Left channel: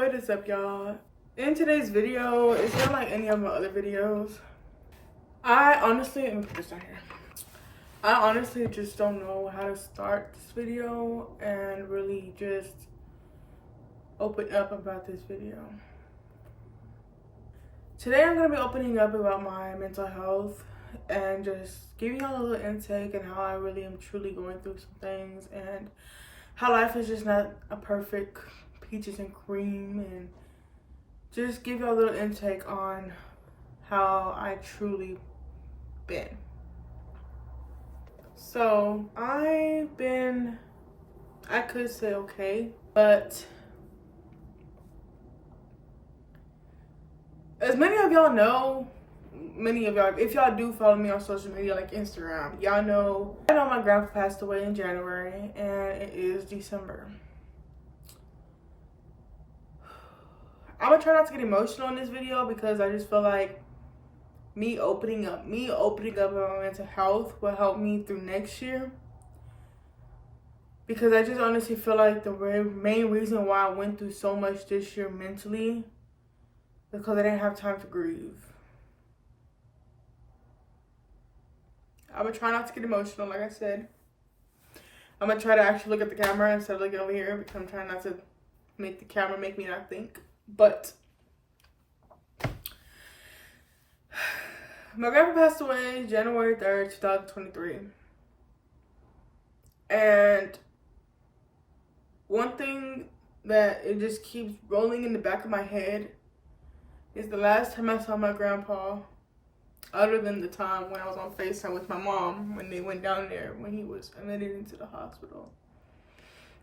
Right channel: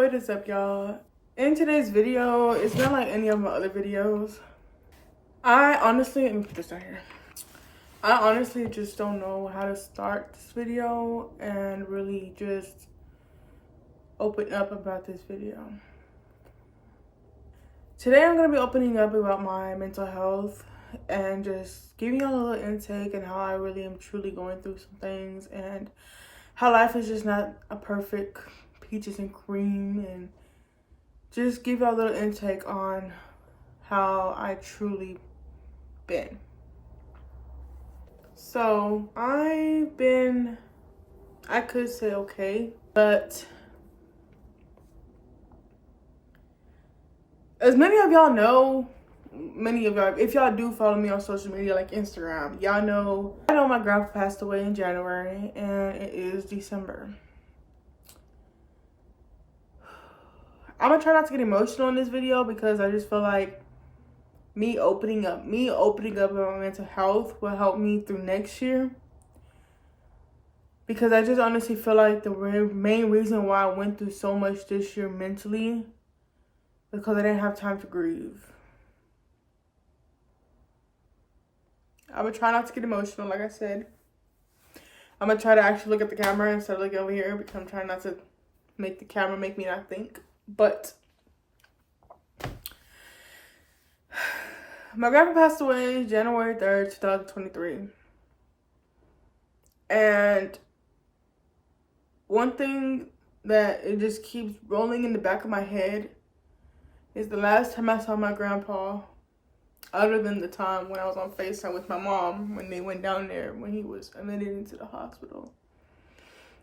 What is up, y'all? In today's video, it's not like any of my other videos. Let me put this down here. I honestly just don't know how to start this video and really just open up about this video. Today I'm going to be opening up about my mental health and just giving y'all a little intake and how I really am truly going through some things and how life is just not a perfect peaches and cream, and just give y'all a little intake on how I truly been. So I could say okay, but as many of y'all know, if y'all do follow me on social media like Instagram, y'all know my grandpa passed away in January and it is December. I'm gonna try not to get emotional in this video because I just feel like me opening up about my mental health will help me through next year. Because I just honestly feel like the main reason why I went through so much this year mentally is because I didn't have time to grieve. I'm gonna try not to get emotional, like I said. I'm gonna try to actually look at the camera instead of looking over here because I'm trying not to make the camera make me not think. But my grandpa passed away January 3rd, 2023. And one thing that it just keeps rolling in the back of my head is the last time I saw my grandpa, other than the time when I was on FaceTime with my mom when they went down there when he was admitted into the hospital.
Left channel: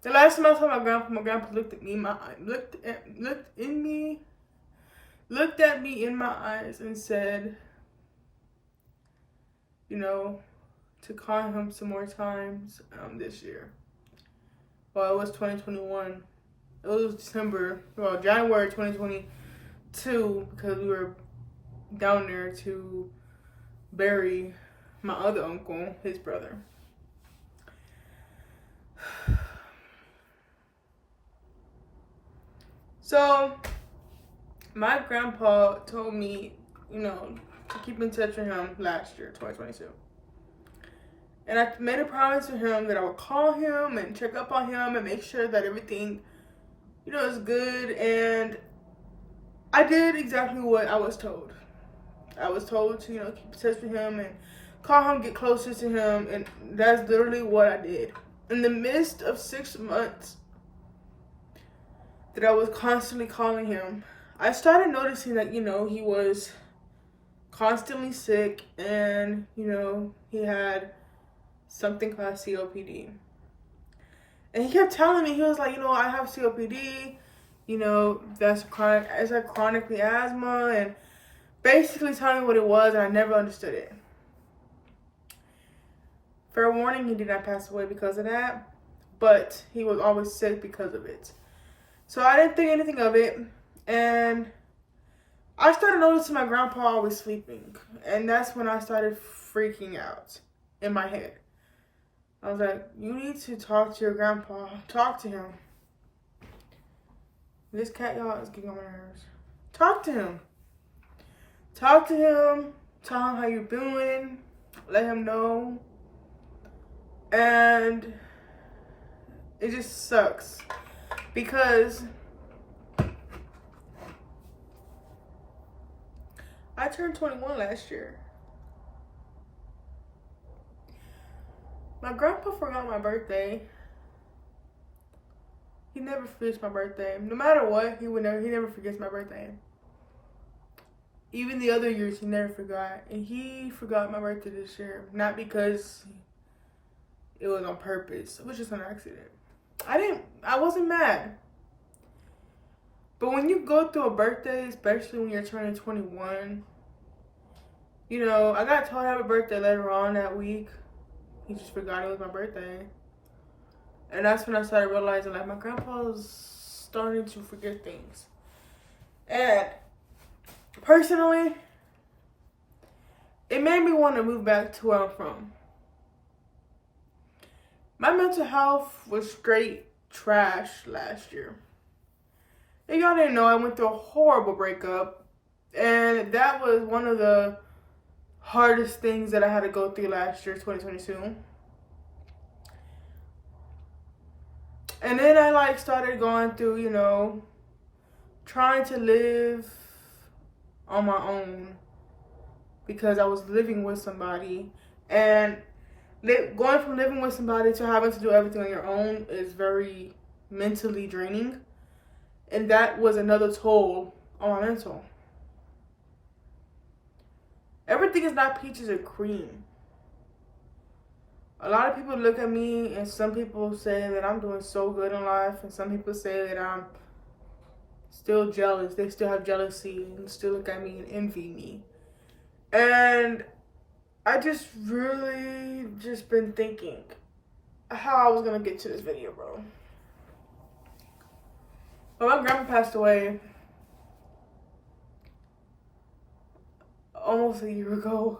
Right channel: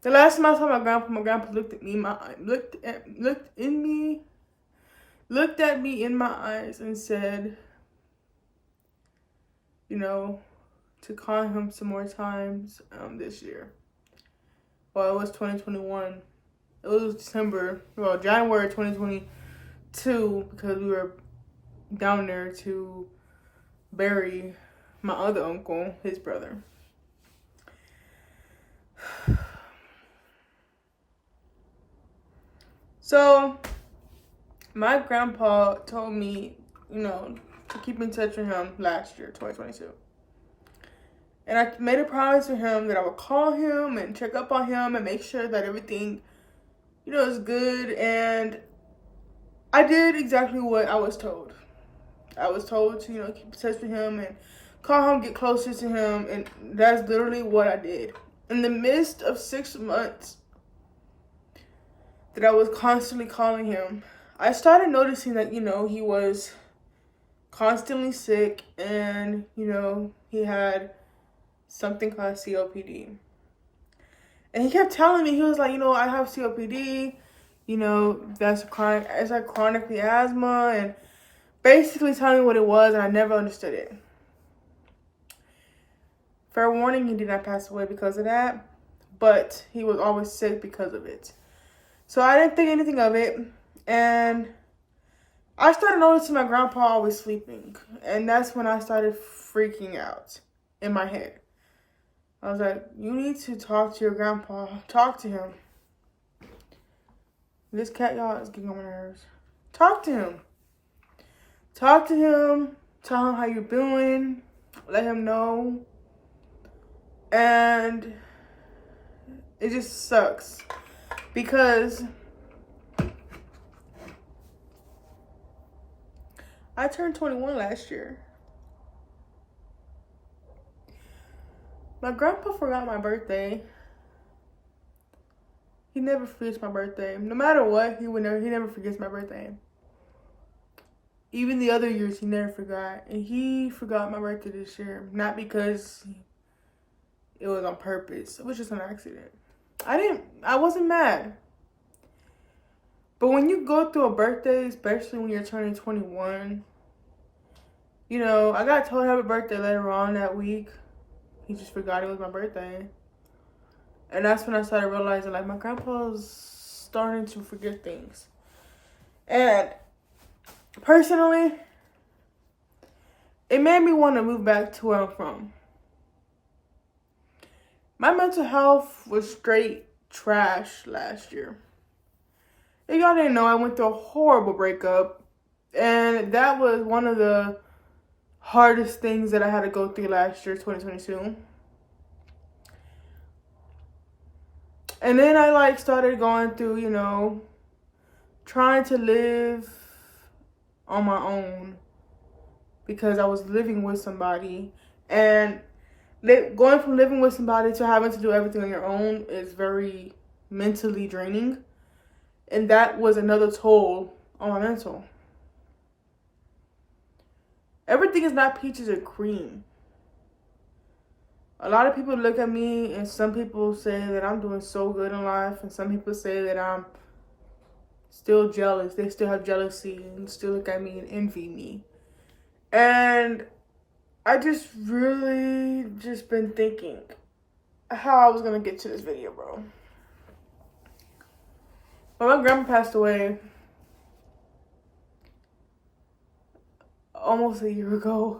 The last time I saw my grandpa looked at me in my eyes and said, you know, to call him some more times this year. Well, it was 2021. It was January 2022, because we were down there to bury my other uncle, his brother. So my grandpa told me, you know, to keep in touch with him last year, 2022. And I made a promise to him that I would call him and check up on him and make sure that everything, you know, is good. And I did exactly what I was told. I was told to, you know, keep in touch with him and call him, get closer to him. And that's literally what I did. In the midst of 6 months that I was constantly calling him, I started noticing that, you know, he was constantly sick and, you know, he had something called COPD. And he kept telling me, he was like, you know, I have COPD, you know, it's like chronically asthma, and basically telling me what it was, and I never understood it. Fair warning, he did not pass away because of that, but he was always sick because of it. So I didn't think anything of it, and I started noticing my grandpa always sleeping, and that's when I started freaking out in my head. I was like, you need to talk to your grandpa. Talk to him. This cat, y'all, is getting on my nerves. Talk to him. Talk to him. Tell him how you're doing. Let him know. And it just sucks because I turned 21 last year. My grandpa forgot my birthday. He never forgets my birthday. No matter what, he never forgets my birthday. Even the other years, he never forgot. And he forgot my birthday this year. Not because it was on purpose. It was just an accident. I wasn't mad. But when you go through a birthday, especially when you're turning 21, you know, I got told happy birthday later on that week. He just forgot it was my birthday. And that's when I started realizing, like, my grandpa's starting to forget things. And personally, it made me want to move back to where I'm from. My mental health was straight trash last year. If y'all didn't know, I went through a horrible breakup. And that was one of the hardest things that I had to go through last year, 2022. And then I like started going through, you know, trying to live on my own because I was living with somebody. And going from living with somebody to having to do everything on your own is very mentally draining. And that was another toll on my mental. Everything is not peaches and cream. A lot of people look at me and some people say that I'm doing so good in life, and some people say that I'm still jealous. They still have jealousy and still look at me and envy me. And I just really just been thinking how I was gonna get to this video, bro. Well, my grandma passed away almost a year ago.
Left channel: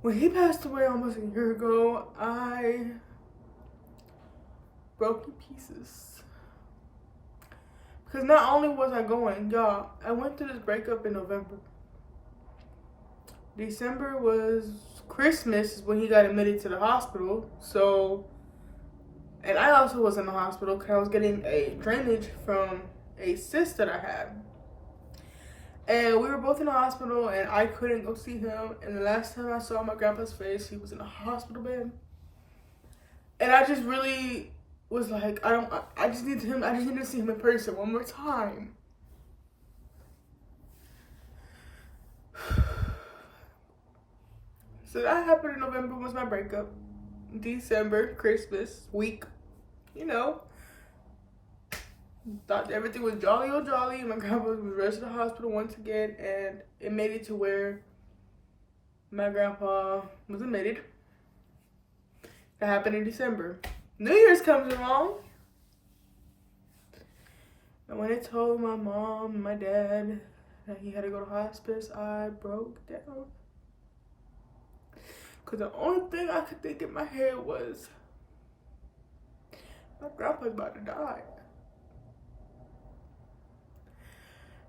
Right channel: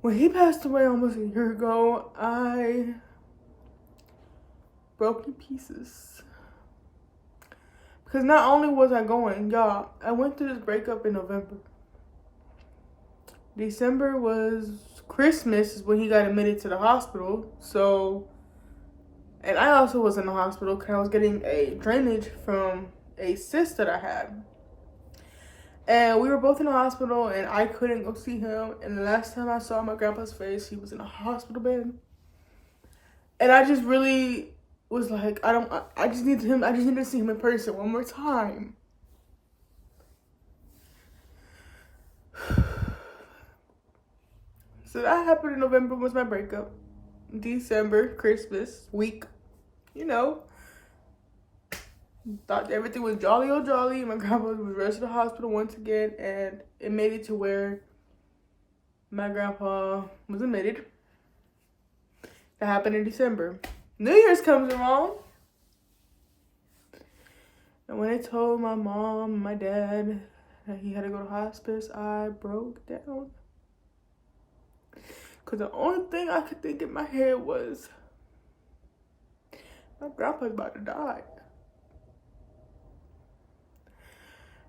When he passed away almost a year ago, I broke to pieces. Because not only was I going, y'all, I went through this breakup in November. December was Christmas is when he got admitted to the hospital. So, and I also was in the hospital because I was getting a drainage from a cyst that I had. And we were both in the hospital and I couldn't go see him. And the last time I saw my grandpa's face, he was in a hospital bed. And I just really was like, I just need to see him in person one more time. So that happened in November was my breakup. December, Christmas week, you know. Thought everything was jolly old jolly. My grandpa was rushed to the hospital once again, and it made it to where my grandpa was admitted. That happened in December. New Year's comes around, and when I told my mom and my dad that he had to go to hospice, I broke down. Because the only thing I could think in my head was, my grandpa's about to die.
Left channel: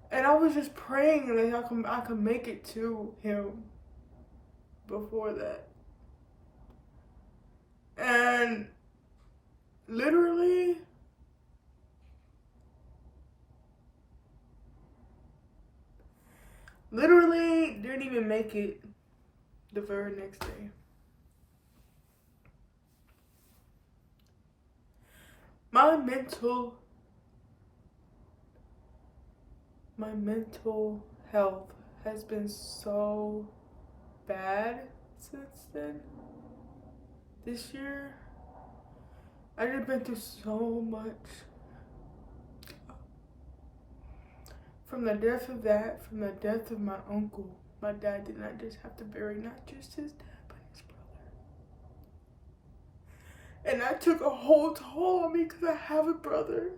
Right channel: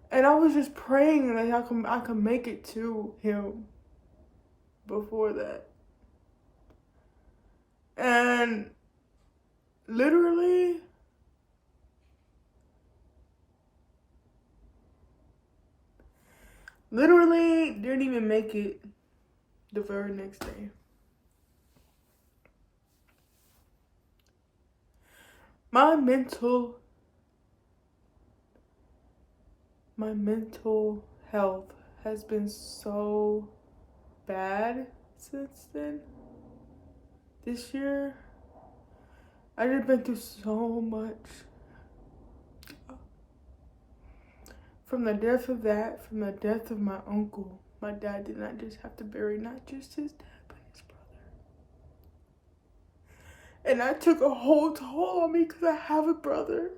And I was just praying that I could make it to him before that. And literally, didn't even make it the very next day. My mental health has been so bad since then. This year, I just been through so much. From the death of that, from the death of my uncle. My dad did not just have to bury not just his dad, but his brother. And that took a whole toll on me because I have a brother.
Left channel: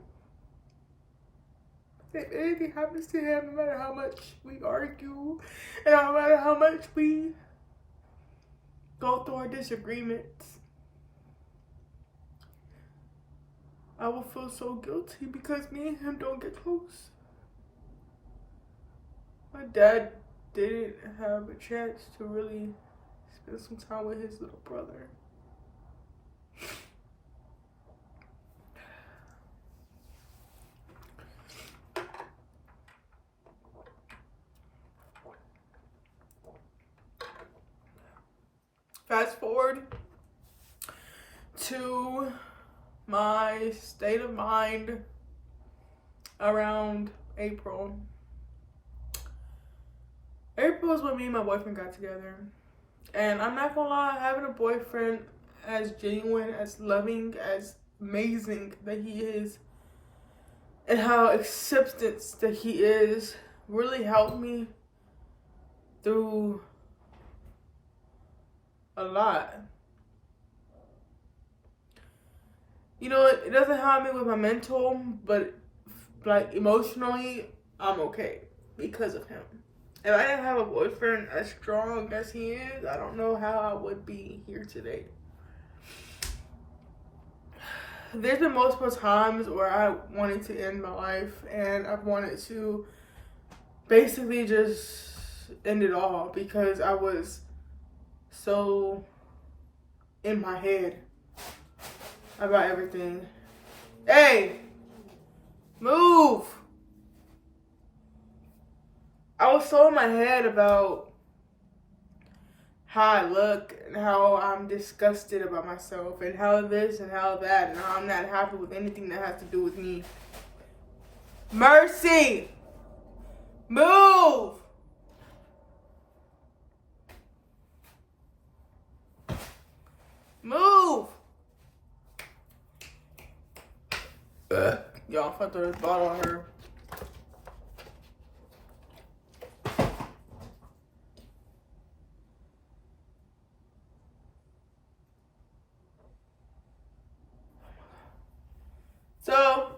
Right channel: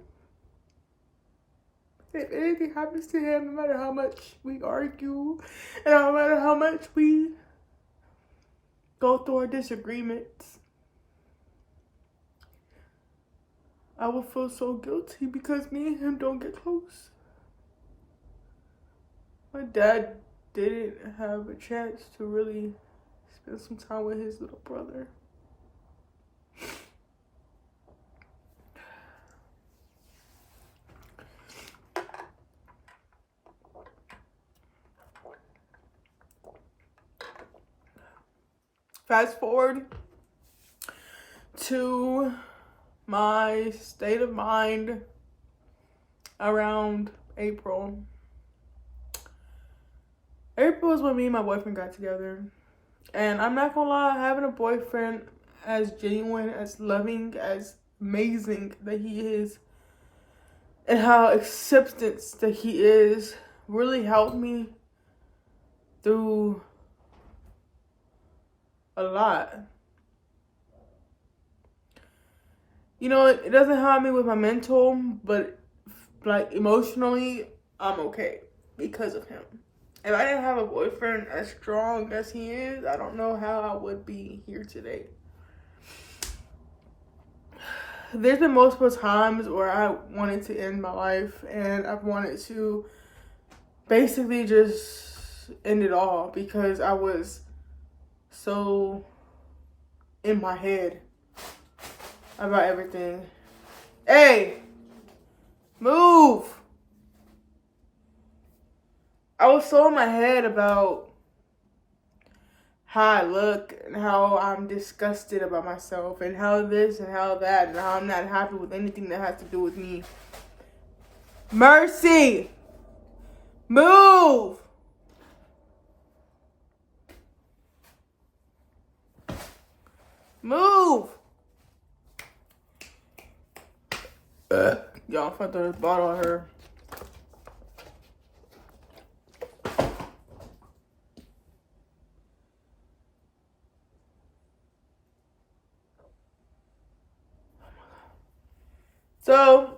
If anything happens to him, no matter how much we argue, and no matter how much we go through our disagreements, I will feel so guilty because me and him don't get close. My dad didn't have a chance to really spend some time with his little brother. Fast forward to my state of mind around April. April is when me and my boyfriend got together. And I'm not gonna lie, having a boyfriend as genuine, as loving, as amazing that he is, and how acceptance that he is, really helped me through a lot. You know, it doesn't help me with my mental, but like emotionally, I'm okay because of him. If I didn't have a boyfriend as strong as he is, I don't know how I would be here today. there's been multiple times where I wanted to end my life, and I've wanted to basically just end it all because I was so in my head about everything. Hey, move. I was so in my head about how I look and how I'm disgusted about myself and how this and how that and how I'm not happy with anything that has to do with me. Mercy! Move! Move! Y'all, I thought the bottle on her. So,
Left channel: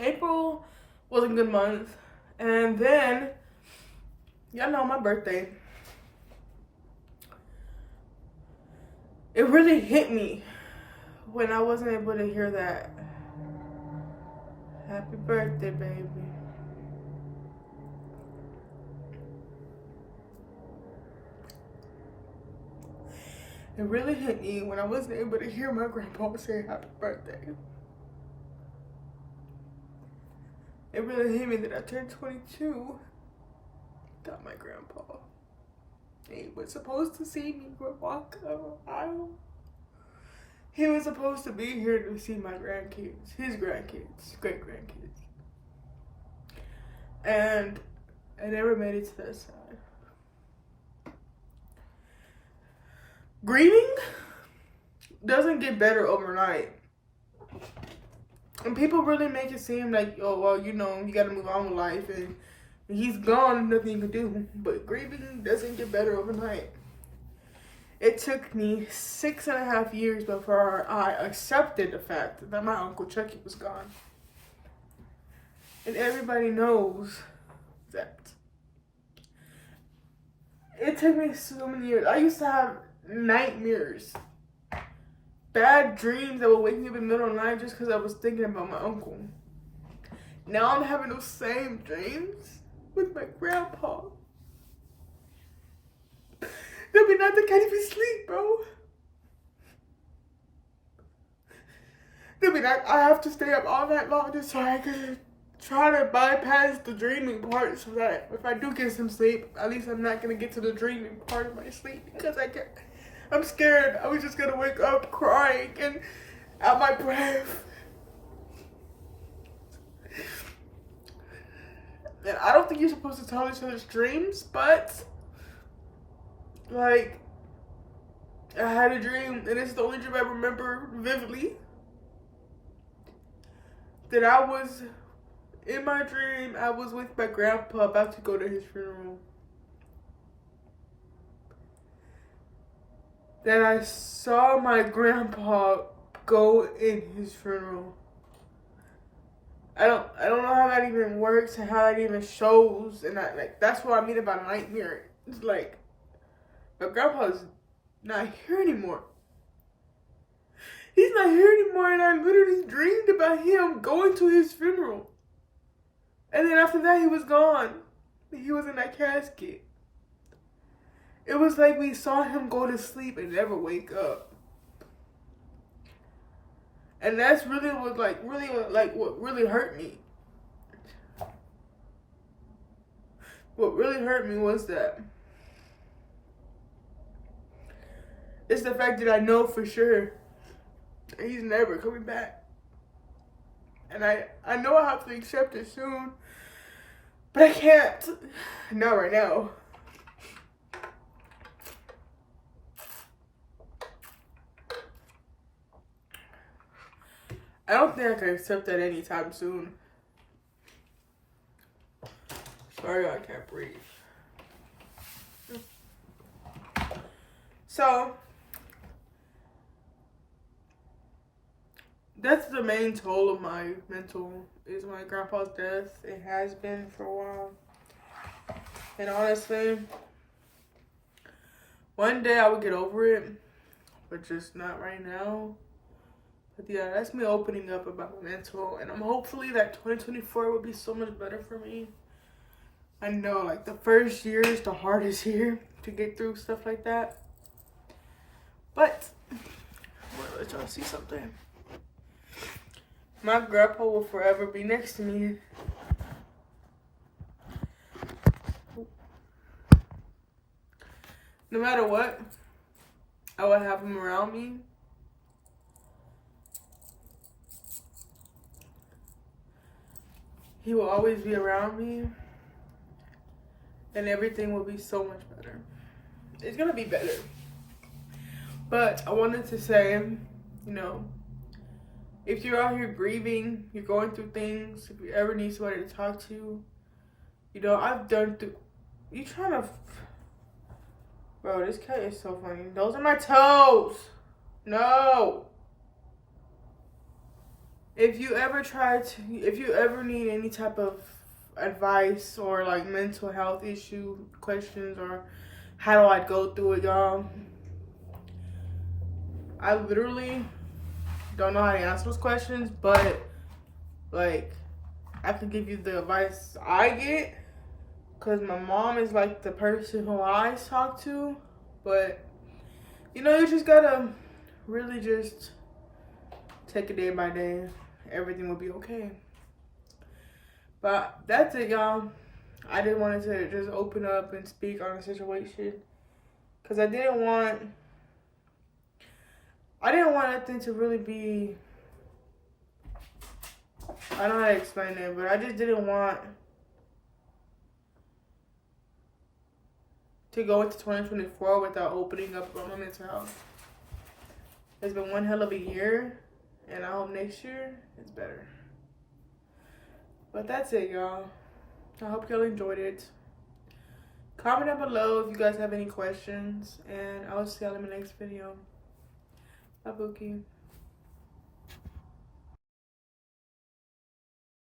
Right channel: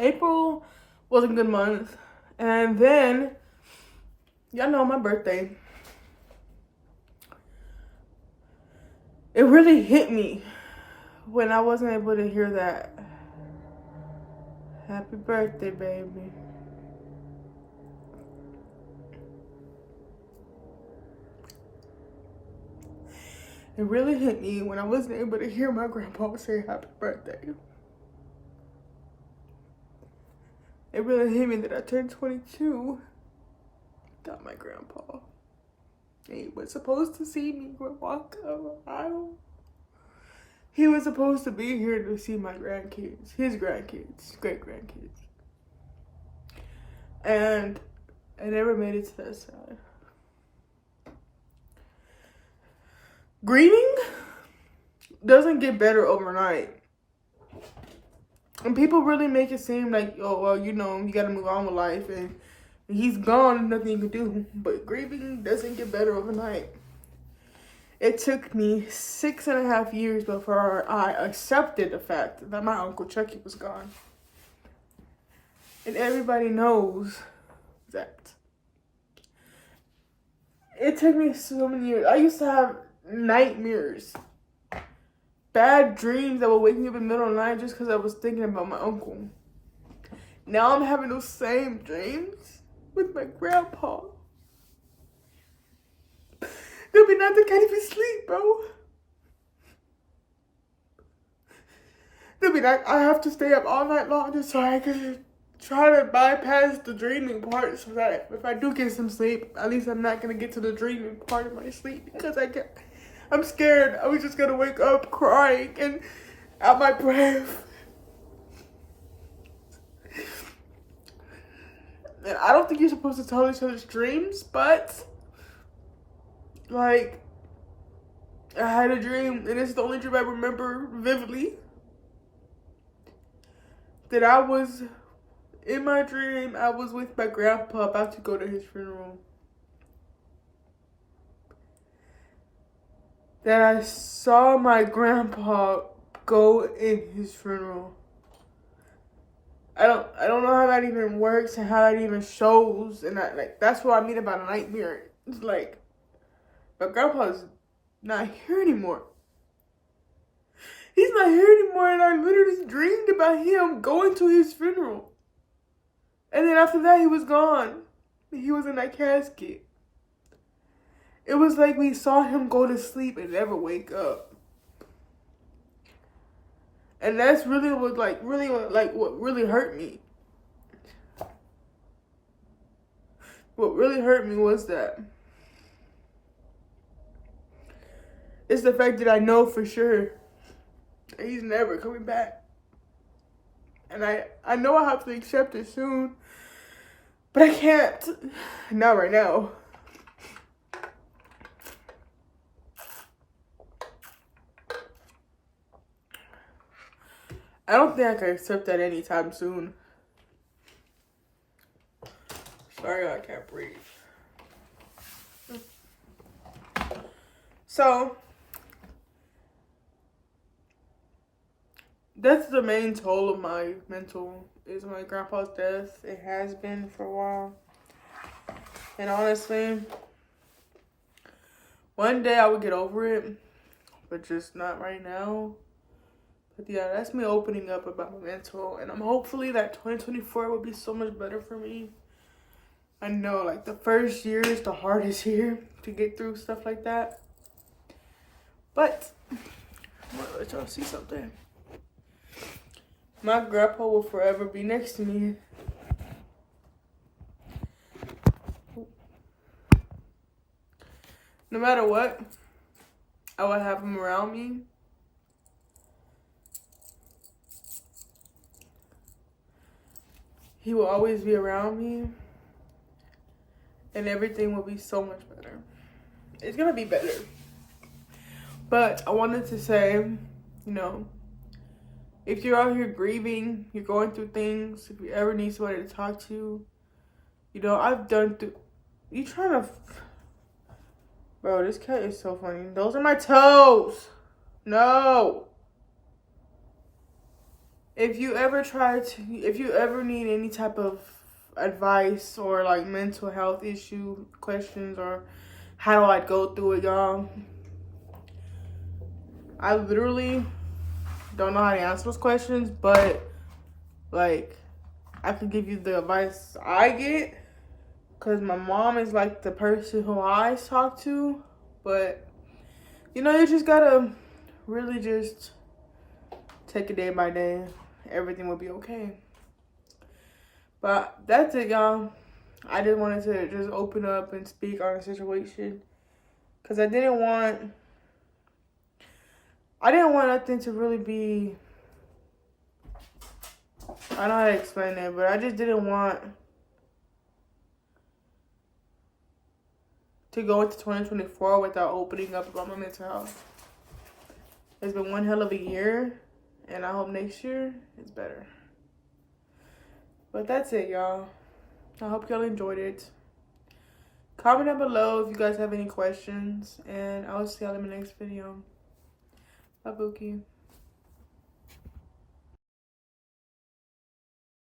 April was a good month. And then, y'all know my birthday. It really hit me when I wasn't able to hear that. Happy birthday, baby. It really hit me when I wasn't able to hear my grandpa say happy birthday. It really hit me that I turned 22 without my grandpa. He was supposed to see me walk up an aisle. He was supposed to be here to see my grandkids, his grandkids, great-grandkids. And I never made it to that side. Grieving doesn't get better overnight. And people really make it seem like, oh, well, you know, you gotta move on with life and he's gone and nothing you can do. But grieving doesn't get better overnight. It took me 6.5 years before I accepted the fact that my Uncle Chucky was gone. And everybody knows that. It took me so many years. I used to have nightmares, bad dreams that would wake me up in the middle of the night just because I was thinking about my uncle. Now I'm having those same dreams with my grandpa. There'll be nights I can't even sleep, bro. There'll be nights I have to stay up all night long just so I can try to bypass the dreaming part so that if I do get some sleep, at least I'm not going to get to the dreaming part of my sleep because I'm scared. I was just going to wake up crying and out my breath. And I don't think you're supposed to tell each other's dreams, but like, I had a dream, and it's the only dream I remember vividly, that I was, in my dream, I was with my grandpa about to go to his funeral. That I saw my grandpa go in his funeral. I don't know how that even works and how that even shows, and that's what I mean about a nightmare. It's like, my grandpa's not here anymore. He's not here anymore, and I literally dreamed about him going to his funeral. And then after that, he was gone. He was in that casket. It was like we saw him go to sleep and never wake up. And that's really what really hurt me. What really hurt me was that it's the fact that I know for sure that he's never coming back. And I know I have to accept it soon, but I can't. Not right now. I don't think I can accept that anytime soon. Sorry, I can't breathe. So, that's the main toll of my mental, is my grandpa's death. It has been for a while. And honestly, one day I would get over it. but just not right now. But yeah, that's me opening up about my mental, and I'm hopefully that 2024 will be so much better for me. I know, like, the first year is the hardest year to get through stuff like that. But I'm gonna let y'all see something. My grandpa will forever be next to me. No matter what, I would have him around me. He will always be around me. And everything will be so much better. It's gonna be better. But I wanted to say, you know, if you're out here grieving, you're going through things, if you ever need somebody to talk to, you know, I've done through, you trying to, bro, this cat is so funny. Those are my toes. No. If you ever need any type of advice or like mental health issue questions, or how do I go through it, y'all, I literally don't know how to answer those questions, but like I can give you the advice I get, because my mom is like the person who I talk to. But you know, you just gotta really just take it day by day. Everything will be okay. But that's it, y'all. I just wanted to just open up and speak on the situation, because I didn't want nothing to really be, I don't know how to explain it, but I just didn't want to go into 2024 without opening up about my mental health. It's been one hell of a year, and I hope next year is better. But that's it, y'all. I hope y'all enjoyed it. Comment down below if you guys have any questions, and I'll see y'all in my next video. Bye, Bookie.